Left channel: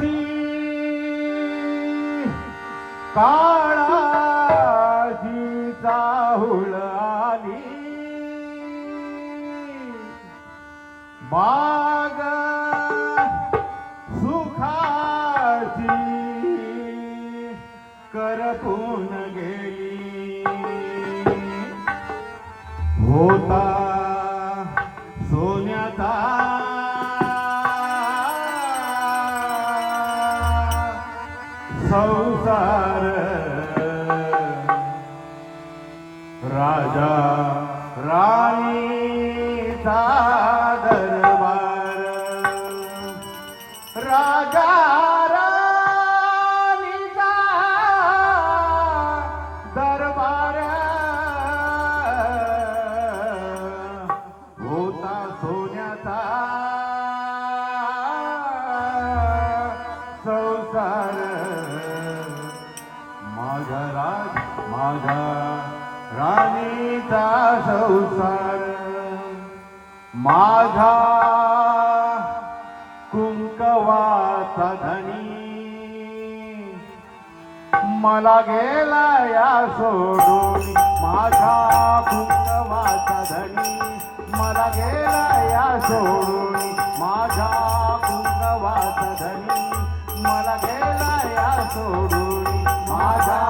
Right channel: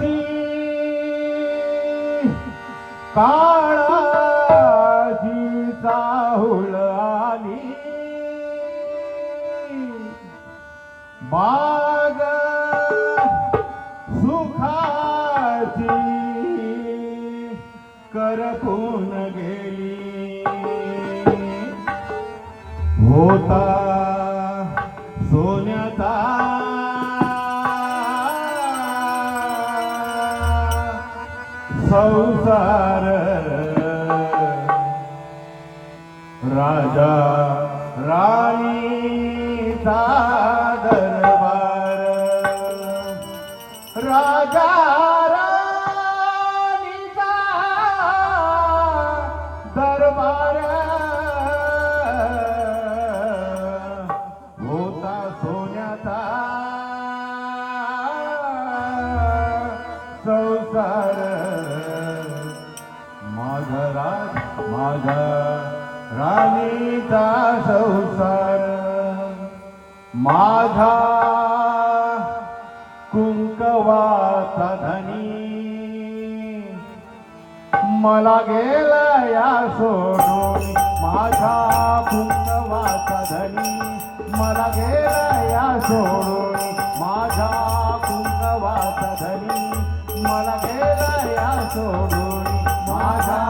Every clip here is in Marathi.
काळाची काळाची चाहुल आली बाग सुखाची करपून गेली होता सोन्याचा संसार राजा राणीचा दरबार राजा राणीचा दरबार होता सोन्याचा संसार माझा राणीचा संसार माझा कुंकवाचा धनी मला गेला या सोडून माझा कुंकवाचा धनी मला गेला या सोडून माझा कुंकवाचा धनी मला गेला या सोडून माझा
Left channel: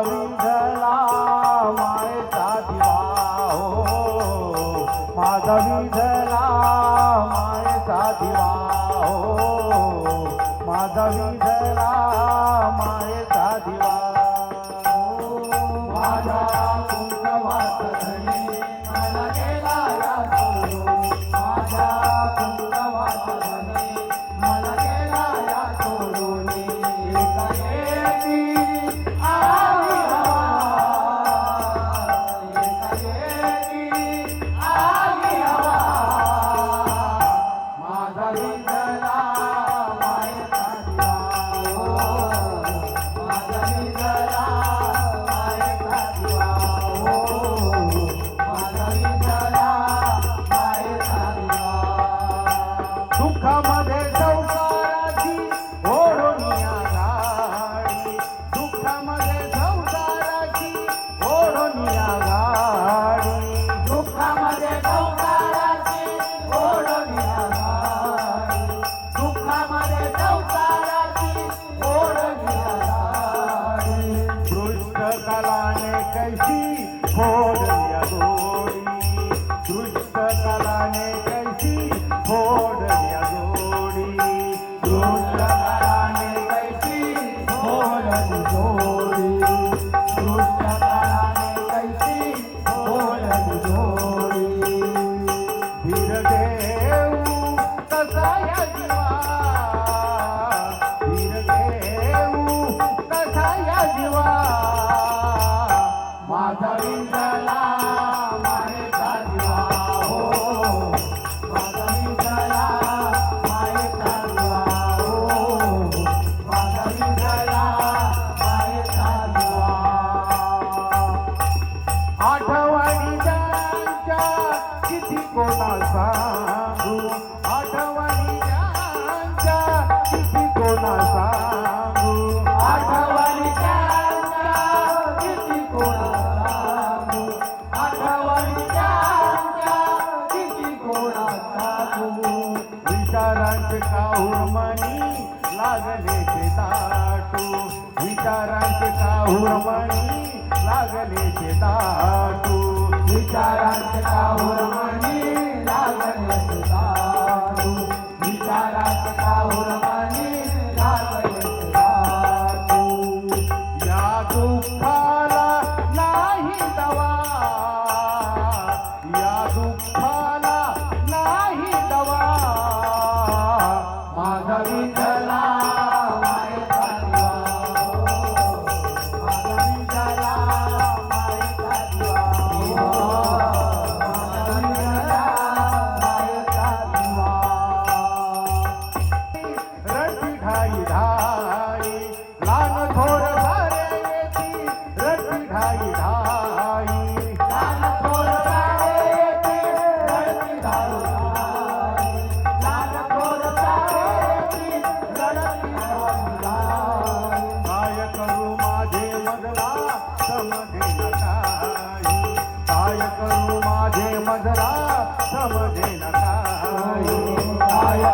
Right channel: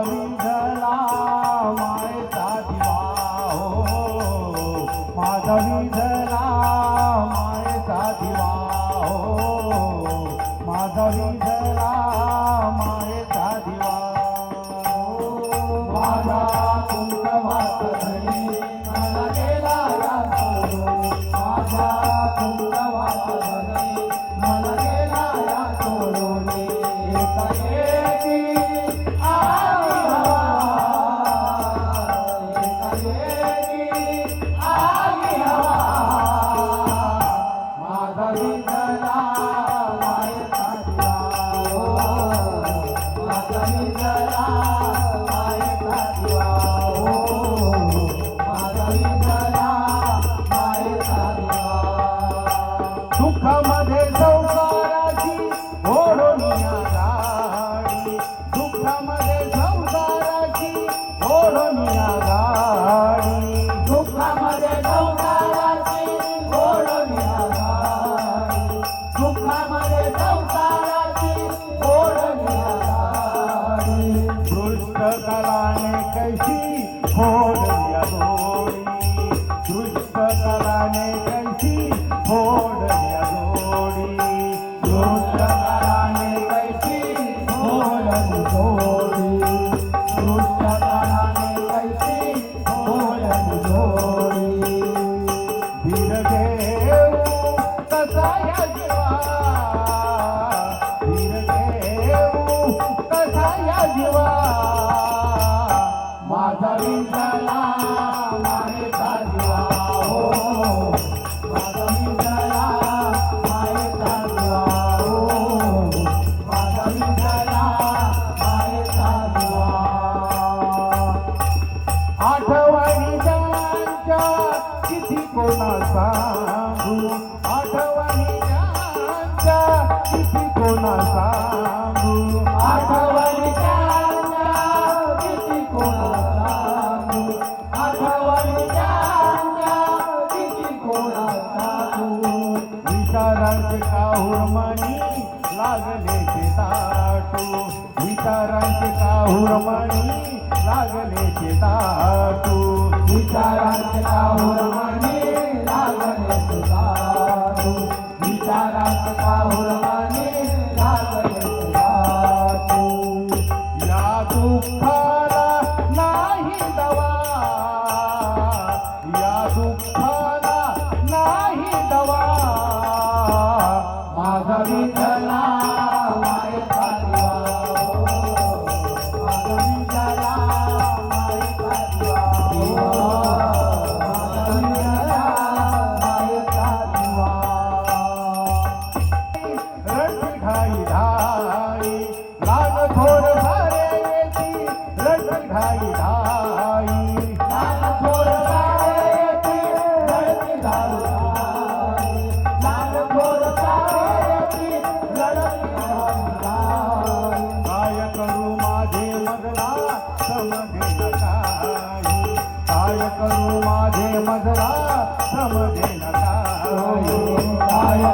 विझला मायेचा दिवा हो माझा विझला मायेचा दिवा हो माझा कुंकवाचा धनी मला गेला या सोडून माझा कुंकवाचा धनी मला गेला या सोडून एकाएकी आली हवा एकाएकी दुःखामध्ये संसाराची ओढोनिया गाडी दुःखामध्ये संसाराची ओढोनिया गाडी दुःखामध्ये संसाराची ओढोनिया गाडी दुःखामध्ये संसाराची ओढोनिया गाडी दृष्ट कलाने कैसी फोडल्या दोरी दृष्ट कलाने कैसी फोडल्या दोरी दृष्ट कलाने कैसी फोडली दोरी दृष्ट कलाने कैसी फोडली दोरी धीर देऊ कसा या जीवा धीर देऊ कसा या जीवा माझा विंझला मायेचा दिवा हो माझा विंझला मायेचा दिवा हो माझा विंझला मायेचा दिवा आठवणी त्यांच्या किती कोणा सांगू आठवणी त्यांच्या किती कोणा सांगू आठवणी त्यांच्या किती कोणा सांगू आठवणी त्यांच्या किती कोणा सांगू विचारांचे काहुरमणी लागले ताटू विचारांचे काहुरमणी लागले ताटू विचारांचे काहुरमणी लागले ताटू विचारांचे काहुरमणी लागले ताटू या दुःखाला नाही दवा या दुःखाला नाही दवा माझा विठ्ठला मायेचा दिवा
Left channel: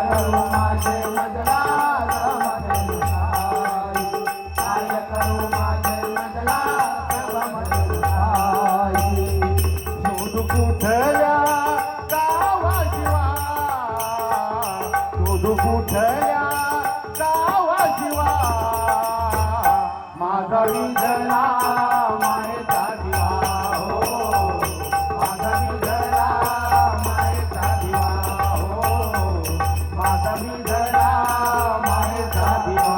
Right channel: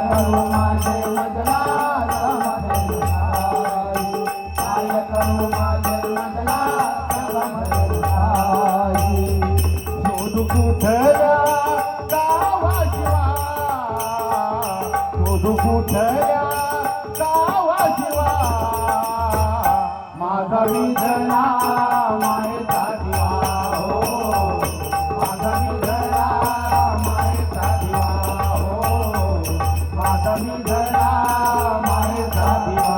करू माझे मधला समाधान काय करू माझे मधला समाधान शोधू कुठल्या शोधू कुठल्या गावाशिवा माझा विधला मायेचा दिवा हो माझा विधला मायेचा दिवा हो माझा विधला मायेचा दिवा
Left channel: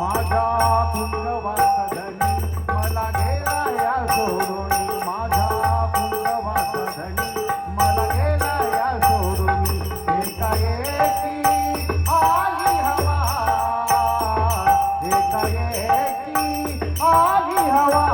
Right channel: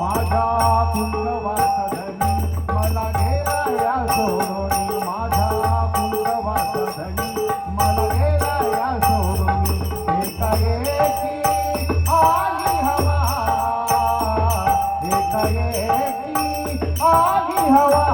माझा कुंडवाचा धनी मला गेला या सोडून माझा कुंडवाचा धनी मला गेला या सोडून एकाएकी आली हवा एकाएकी आली हवा